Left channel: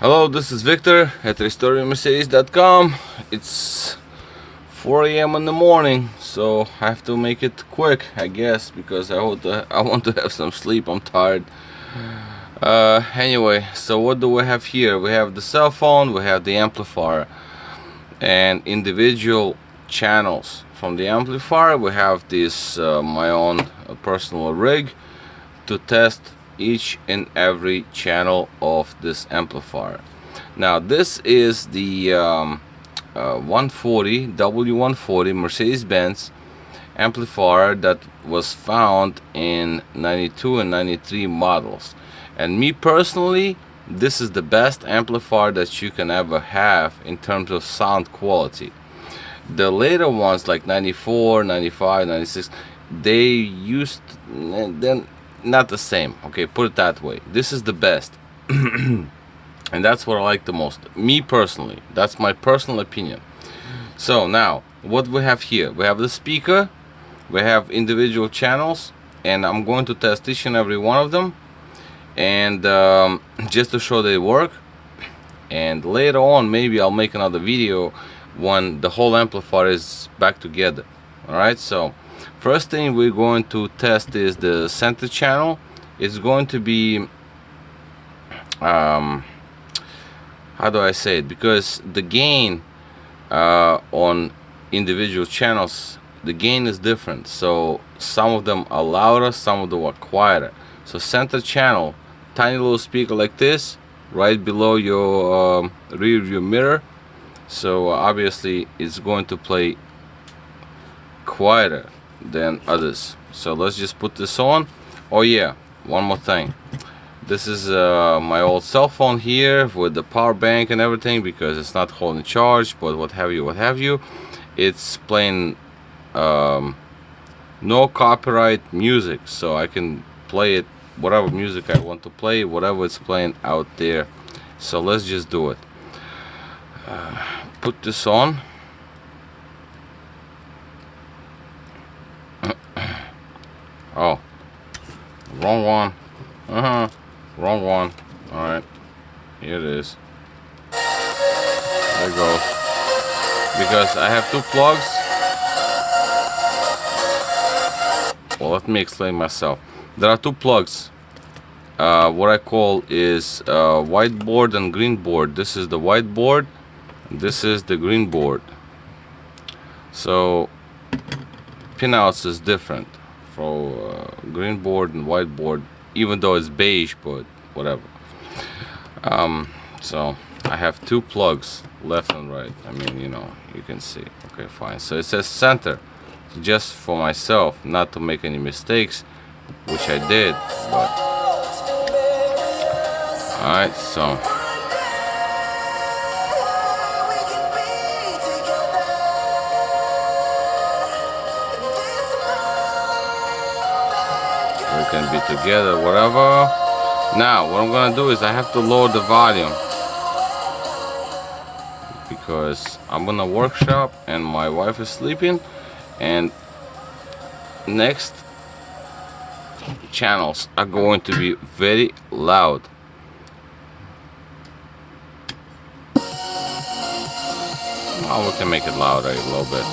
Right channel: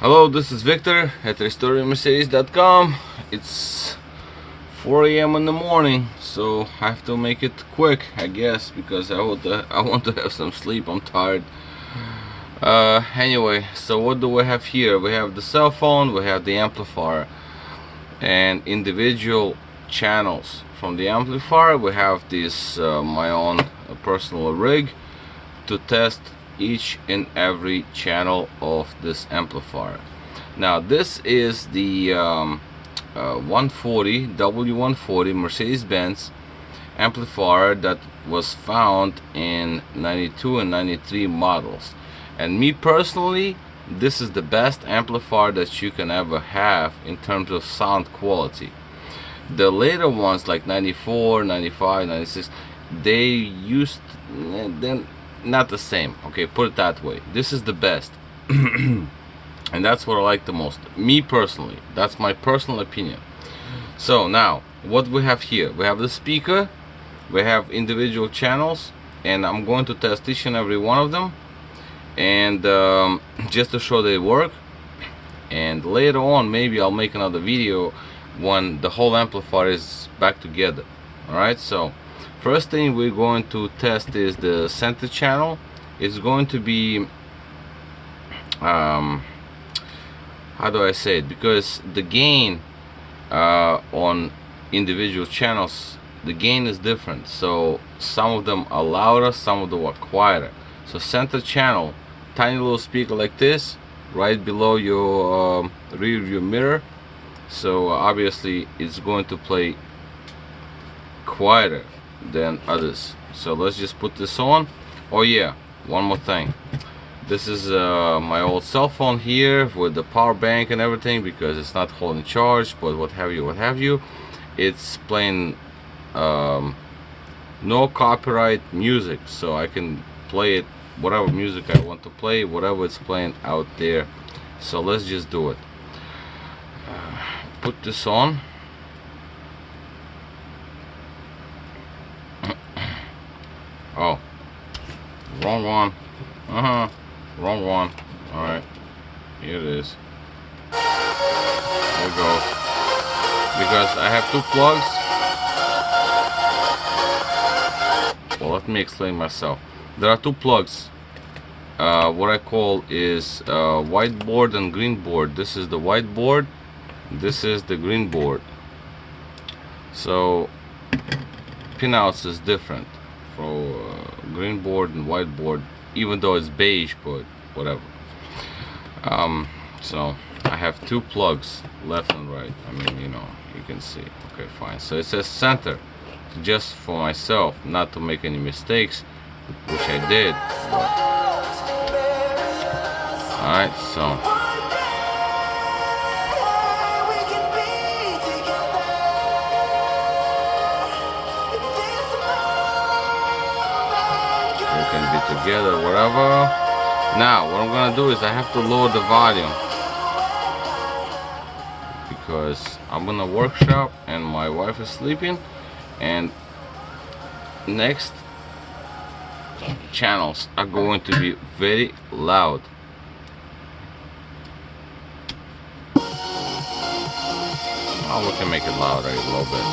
Hello, this is Victor at restoringmercedes.com. It's 4 a.m. in the morning, so I have to make it quick, I guess, because I want to have some sleep. I'm tired. Anyway, so what do we have here? We have the cell phone, we have the amplifier, and individual channels. From the amplifier, we have this my own personal rig to test each and every channel of this amplifier. Now this is the 140 W140 Mercedes-Benz amplifier that was found in 92 and 93 models, and me personally, this is the best amplifier that you can ever have in terms of sound quality. The later ones like 94, 95, 96, they used then not the same. Okay, put it that way. This is the best. And that's what I like the most, me personally. That's my personal opinion. So now what we have here, we have the speaker, we have individual channels, and I'm going to test each and every one of them, and just to show they work. And later on maybe I'll make another video when the whole amplifier is back together. Alright, so first thing we're going to test is the center channel. It's going to be how do I say it, because the gain on individual channels, the gain is different. So some of them are louder, some of them are quieter. So center channel, tiny little speaker like this right below your rear view mirror, so obviously it's going to play quieter than others. So let's just put this on. Oh yeah, one more thing. This is my old cell phone here with the power bank and everything, because it's not holding charge, but what have you, it's playing no copyright music, so I can play it whatever music I want to play, whatever it's playing out there. So let's just do it. Put this on. Oh, wrong one. Wrong one. Alright, here it is. There it goes. Because I have two plugs. Well, let me explain myself. There are two plugs. What I call is white board and green board. This is the white board, this is the green board. So pinouts is different for green board and white board, even though it's beige, but whatever. So I have two plugs, left and right. I mean, you know, you can see. Okay, fine. So it says center, just for myself, not to make any mistakes, which I did, but alright, so we can be together, whatever. Now what I'm gonna do is I have to lower the volume, because I'm gonna workshop and my wife is sleeping, and next channels are going to be very loud. Oh, we can make it louder a little bit.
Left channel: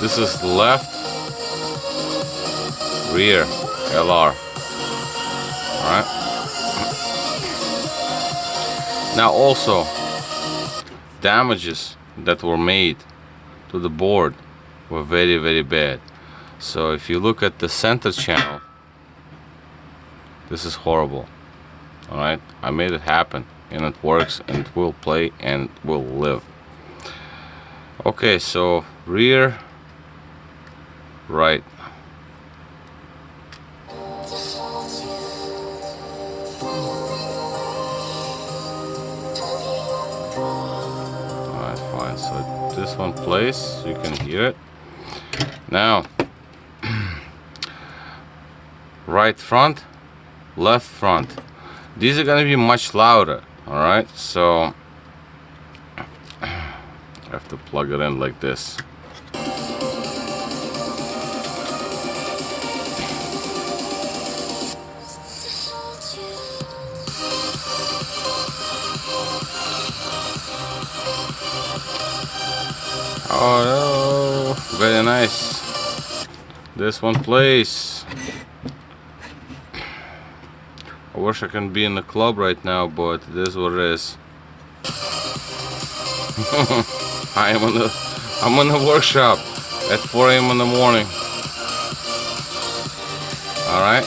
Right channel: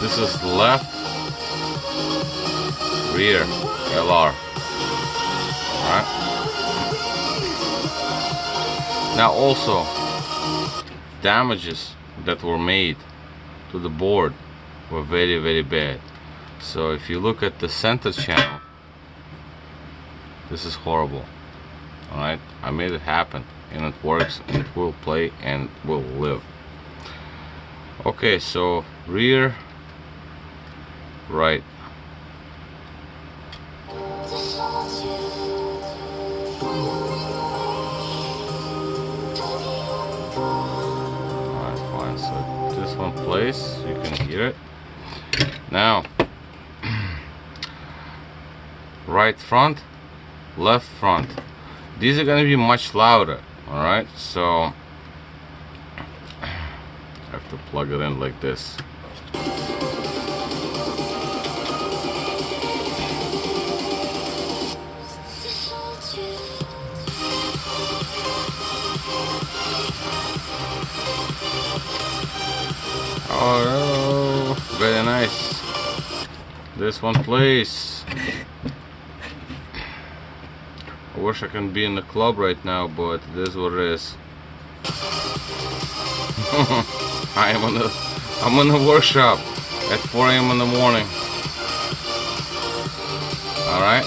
This is left, rear, LR. Alright. Now also, damages that were made to the board were very, very bad. So if you look at the center channel, this is horrible. Alright, I made it happen, and it works, and it will play, and it will live. Okay, so rear, right. Alright, fine. So this one plays, you can hear it. Now, right front, left front. These are gonna be much louder. Alright, so I have to plug it in like this. This one plays. I wish I can be in the club right now, but it is what it is. I'm in the workshop at 4 a.m. in the morning. Alright.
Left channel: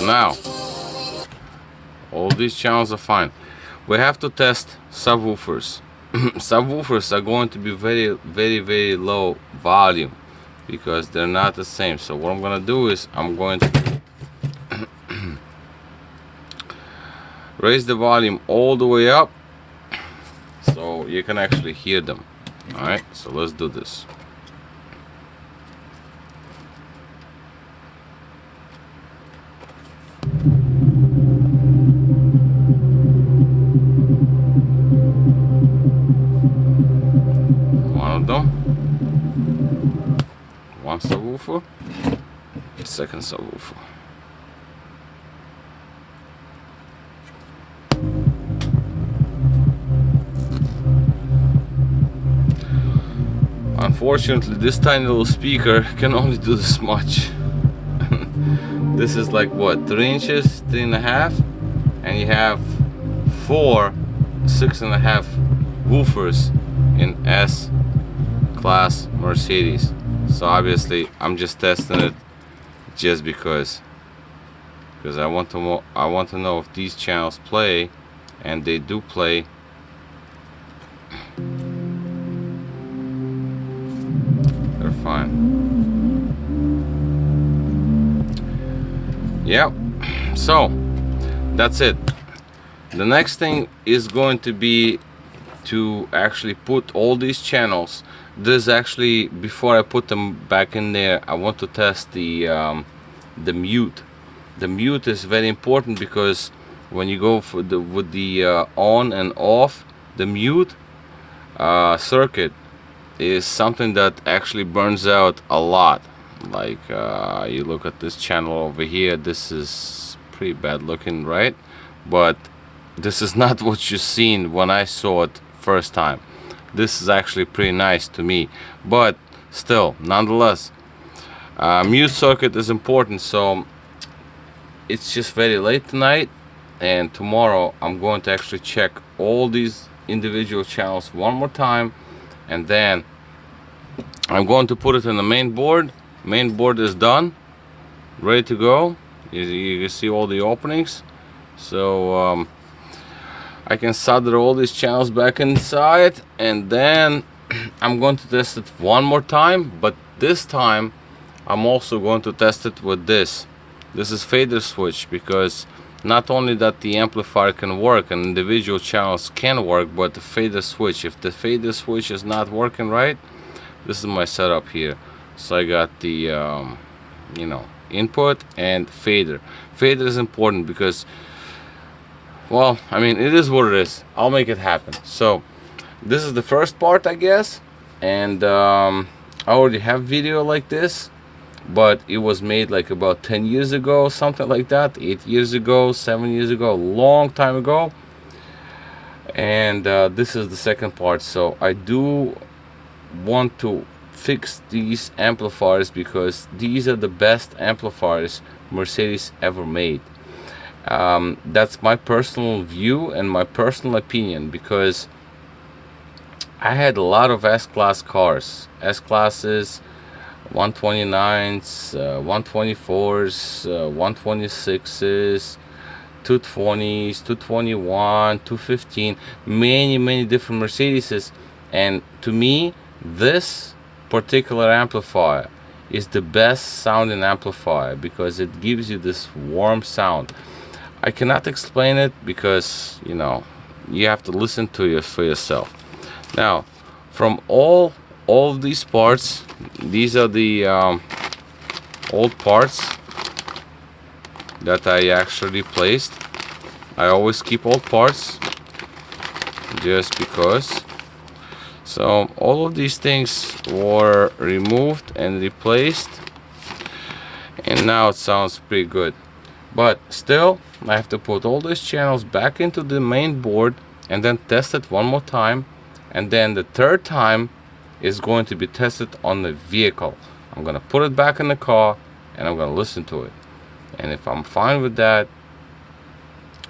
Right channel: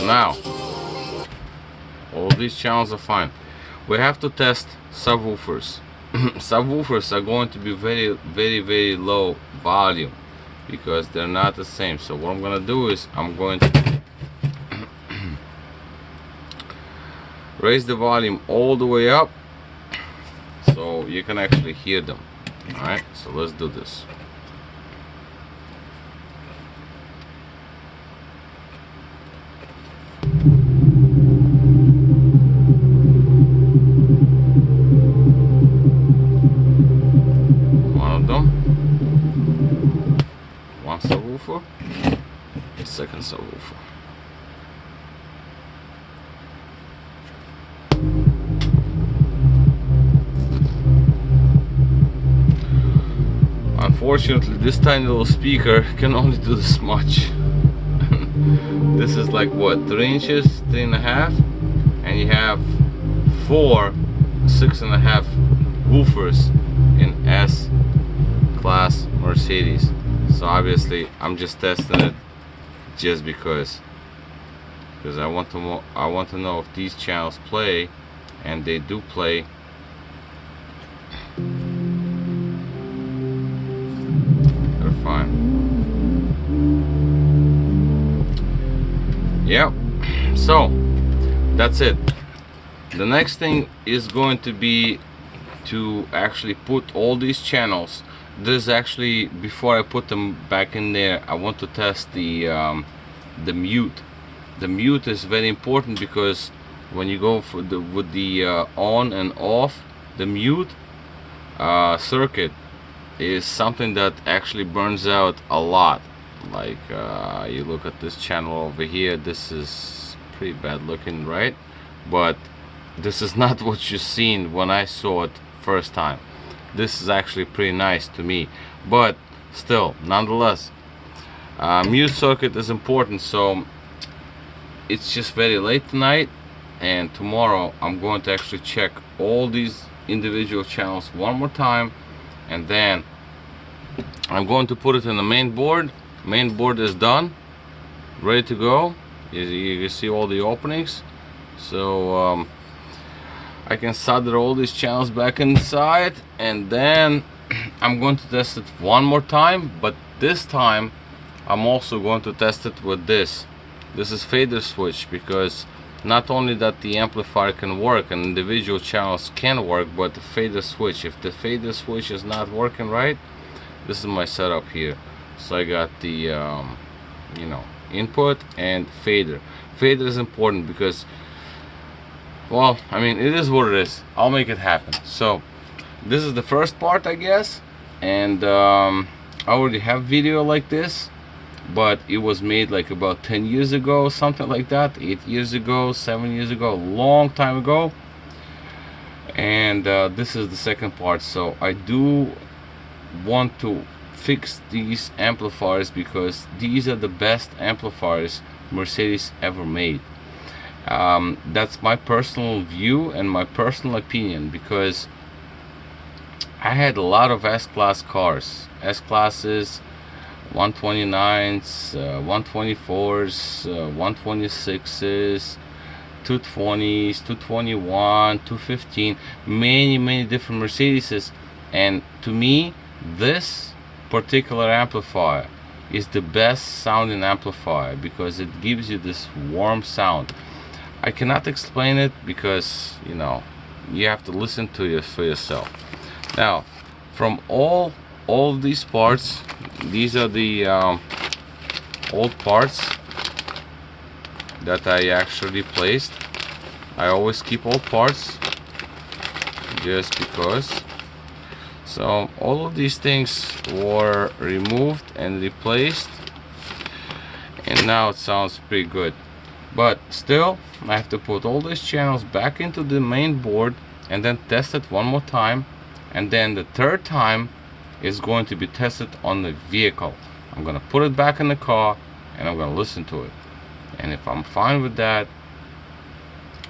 Now, all these channels are fine. We have to test subwoofers. Subwoofers are going to be very low volume because they're not the same. So what I'm gonna do is I'm going to raise the volume all the way up so you can actually hear them. Alright, so let's do this. One of them. One subwoofer. Second subwoofer. Unfortunately, this tiny little speaker can only do this much. This is like what, 3 inches, 3.5, and you have 4 6.5 woofers in S-Class Mercedes. So obviously, I'm just testing it just because I want to know if these channels play, and they do play. Fine. Yep. So that's it. The next thing is going to be to actually put all these channels. This actually, before I put them back in there, I want to test the mute. The mute is very important because when you go for with the on and off, the mute circuit is something that actually burns out a lot. Like you look at this channel over here, this is pretty bad looking, right? But this is not what you seen when I saw it first time. This is actually pretty nice to me, but still, nonetheless, mute circuit is important. So it's just very late tonight, and tomorrow I'm going to actually check all these individual channels one more time, and then I'm going to put it in the main board. Main board is done, ready to go. You can see all the openings, so I can solder all these channels back inside, and then I'm going to test it one more time. But this time I'm also going to test it with this. This is fader switch, because not only that the amplifier can work and individual channels can work, but the fader switch, if the fader switch is not working right, this is my setup here. So I got the you know, input and fader. Fader is important because, well, I mean, it is what it is. I'll make it happen. So this is the first part, I guess, and I already have video like this, but it was made like about 10 years ago, something like that, 8 years ago, 7 years ago, a long time ago. And this is the second part. So I do want to fix these amplifiers because these are the best amplifiers Mercedes ever made. That's my personal view and my personal opinion, because I had a lot of S-Class cars, S-Classes, 129s, 124s, 126s, 220s, 221, 215, many different Mercedeses. And to me, this particular amplifier is the best sounding amplifier because it gives you this warm sound. I cannot explain it because, you know, you have to listen to it for yourself. Now, from all of these parts, these are the old parts that I actually replaced. I always keep old parts just because. So all of these things were removed and replaced, and now it sounds pretty good. But still, I have to put all these channels back into the main board and then test it one more time, and then the third time is going to be tested on the vehicle. I'm gonna put it back in the car and I'm gonna listen to it. And if I'm fine with that,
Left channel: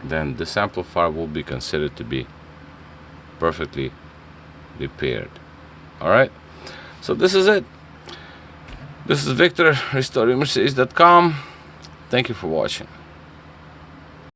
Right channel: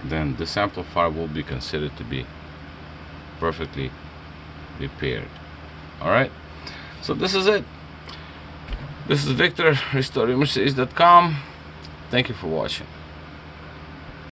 then this amplifier will be considered to be perfectly repaired. Alright, so this is it. This is Victor, restoremercedes.com. Thank you for watching.